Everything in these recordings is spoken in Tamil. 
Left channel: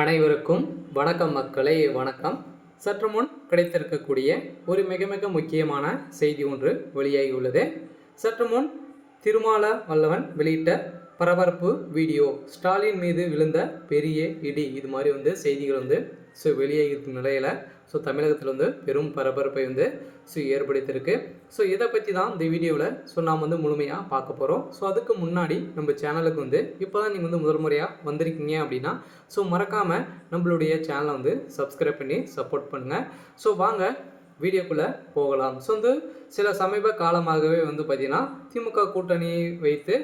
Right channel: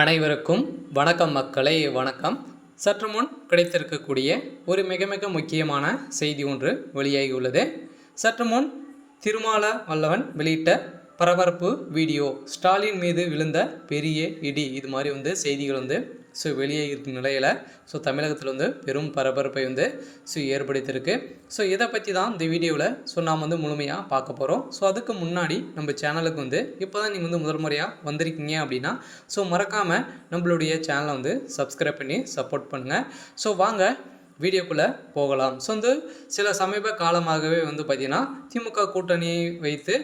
அனைவருக்கும் வணக்கம் மக்களே, வணக்கம். சற்று முன் கிடைத்திருக்கக்கூடிய ஒரு மிக மிக முக்கியமான செய்தி ஒன்று வெளியாகியுள்ளது. சற்று முன் திருமால வல்லவன் வெளியிட்ட பரபரப்பு வீடியோ, ஸ்டாலின் மீது விழுந்த பெரிய இடி, இது மாதிரி செய்திகள் வெளியாகிருக்கும் நிலையில் தமிழகத்தில் பெரும் பரபரப்பை ஏற்படுத்தியிருக்கு. இதை பற்றி தான் இந்த வீடியோவில் நாம் முழுமையாக பார்க்க போகிறோம். அதுக்கு முன்னாடி நம்ம சேனலுக்கு இப்போ தான் நீங்கள் முதல் முறையாக வந்திருக்கீங்க அப்படின்னா மறக்காமல் நம்மளுடைய சேனலை சப்ஸ்கிரைப் பண்ணி சப்போர்ட் பண்ணுங்கள். வாங்க வீடியோக்குள்ளே போகலாம். சில சமீப காலமாகவே பார்த்திங்கன்னா திமுக கூட்டணியை வைத்து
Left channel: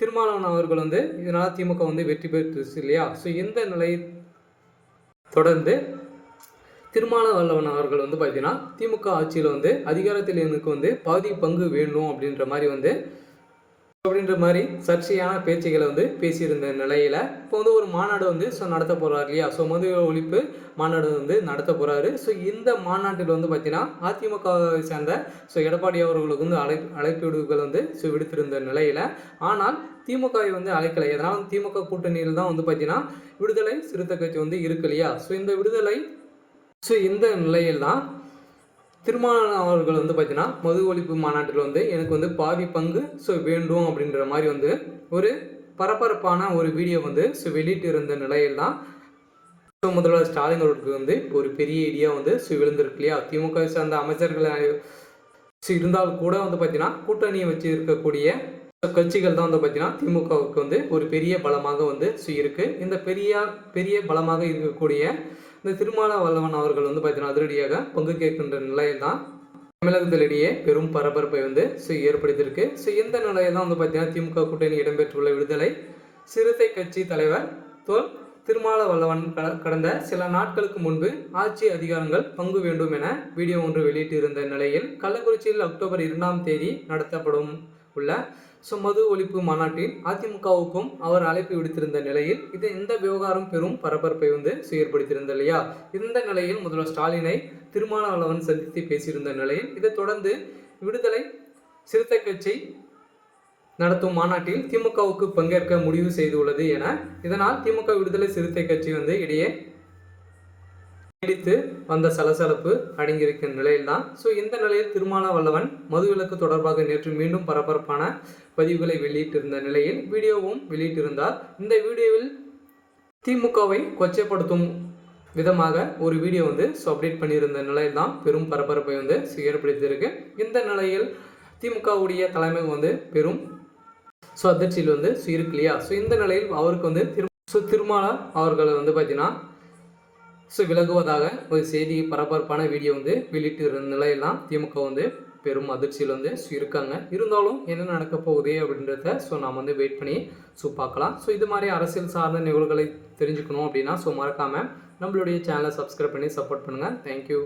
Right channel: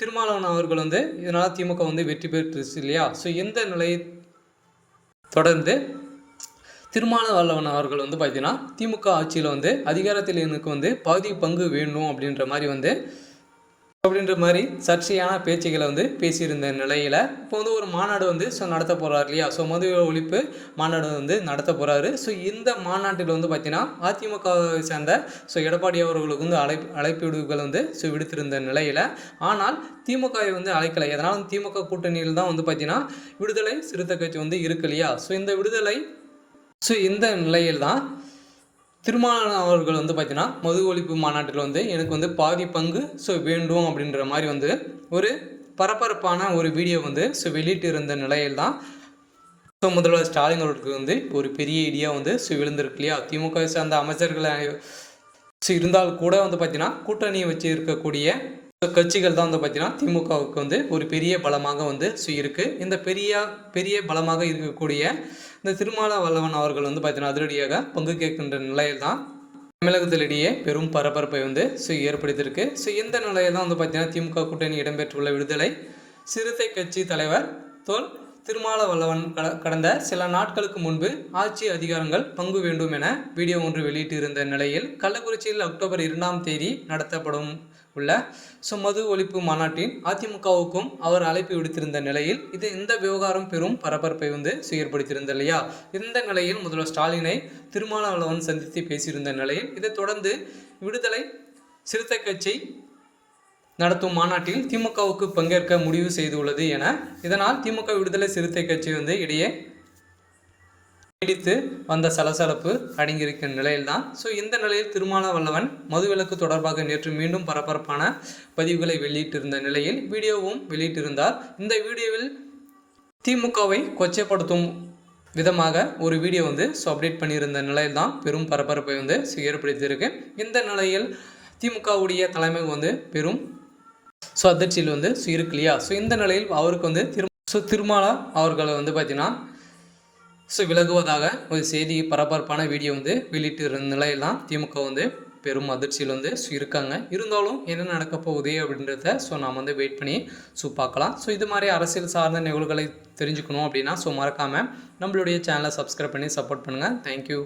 திருமாவளவன் அவர்கள் இதனால் திமுக வெற்றி பெற்றுச்சு இல்லையா. இந்த நிலையை தொடர்ந்து திருமாவளவன் அவர்கள் பார்த்திங்கன்னா திமுக ஆட்சியில் அதிகாரத்தில் எனக்கு பாதி பங்கு வேணும் அப்படின்ற மாதிரி சர்ச்சையான பேச்சுகளை பேசியிருந்த நிலையில் இப்போ ஒரு மாநாடு நடத்த போகிறார் இல்லையா. மது ஒழிப்பு மாநாடு நடத்த போகிறாரு. இந்த மாநாட்டில் பார்த்திங்கன்னா அதிமுகவை சேர்ந்த எடப்பாடி அவர்களுக்கு அழைப்பீடுகள் விடுத்திருந்த நிலையில், ஆனால் திமுகவை அழைக்கலை. அதனால் திமுக கூட்டணியில் தான் பார்த்திங்கன்னா விடுதலை சிறுத்தை கட்சி இருக்கு இல்லையா. இந்த விடுதலை இந்த நிலையில் தான் திருமாவளவன் அவர்கள் பார்த்திங்கன்னா மது ஒழிப்பு மாநாட்டில் எனக்கு பாதி பங்கு வேண்டும் அப்படின்ற மாதிரி ஒரு பரபரப்பான ஒரு வீடியோ வெளியிட்டு இருந்த நிலையில் தான் முதல்வர் ஸ்டாலின் அவர்களுக்கு ஒரு பெரிய ஐடியா விழுந்திருக்கு இல்லையா. திமுக சேர்ந்த அமைச்சர்கள் இருந்தால் கூட பார்த்திங்கன்னா கூட்டணியை வச்சு இருக்கக்கூடிய கட்சிகள் தான் பார்த்திங்கன்னா திமுகவுக்கு ஒரு பெரிய பலமாக இருக்குது. இந்த பெரிய பலமாக இருக்கக்கூடிய இந்த திருமாவளவன் அவர்கள் பார்த்திங்கன்னா அதிரடியாக பங்கு கேட்கின்ற நிலையில் தான் தமிழகத்திலேயே பெரும் பரபரப்பை ஏற்படுத்தியிருக்கு. இந்த நிலையில் தான் பார்த்திங்கன்னா திமுக கூட்டணி இடம்பெற்றுள்ள விடுதலை சிறுத்தை கட்சி தலைவர் திருமாவளவன் கடந்த சில நாட்களுக்கு முன்பு ஆட்சி அதிகாரங்கள் பங்கு வேண்டும் என வீடியோ ஒன்று வெளியிட்டு இருந்த நிலையில் கள்ளக்குறிச்சியில் அக்டோபர் 2ஆம் தேதி நடத்தப்படும் உள்ள மது ஒழிப்பு மாநாட்டின் அதிமுகவுக்கும் அவர் அழைப்பு விடுத்திருந்த நிலையில் இந்த விவகாரம் பெரும் பரபரப்பை ஏற்படுத்தியிருந்த இல்லையா. இந்த நிலையில் முதல்வர் ஸ்டாலினை திருமாவளவன் சந்தித்து பேசியிருந்த நிலையில் இதை தொடர்ந்து விடுதலை சிறுத்தை கட்சி நடத்தும் மாநாட்டில் திமுகவுக்கு பங்கேற்க முடிவு செய்துள்ளது என, இதனால் திமுக விடுதலை சிறுத்தை கட்சி இடையே நீடித்து வந்த சலசலப்பு அடங்கியிருக்கிற நிலையில் தான் இந்த நிலையில் திருமாவளவன் மதுவிலக்கு தொடர்பாக நேற்று மீண்டும் பரபரப்பான பதிவுகளை வெளியிட்டிருந்த நிலையில் வீடியோவும் வெளியிட்டிருந்தார். இந்த வீடியோவில் திமுகவை கொச்சைப்படுத்தும் விதமாக ஒரு வீடியோ அப்டேட் பண்ணியிருந்த நிலையில் தான் பெரும் பரபரப்பை ஏற்படுத்தியிருக்கு. இந்த நிலையில் திமுகவுடைய தலைமை பெரும் அதிர்ச்சியில் இருக்கு இல்லையா. இந்த நிலையில் அவருக்கு திருமால அவர்களை பார்த்திங்கன்னா விலகுவதாக ஒரு செய்தி பரபரப்பான வீடியோ வெளியிட்டு இருந்த நிலையில் தான் திமுக பெரும் அதிர்ச்சியில் இருக்காங்க. இருந்தாலும் என்ன நடக்க போகுது அப்படின்றத நாம் வெயிட் பண்ணி பார்க்கலாம். இது மாதிரி அரசியல் சார்ந்த நிகழ்வுகளை தெரிஞ்சுக்கணும் அப்படின்னா மறக்காமல் நம்மளுடைய சேனலை சப்ஸ்கிரைப் பண்ணி சப்போர்ட் பண்ணுங்கள். தேங்க்யூ.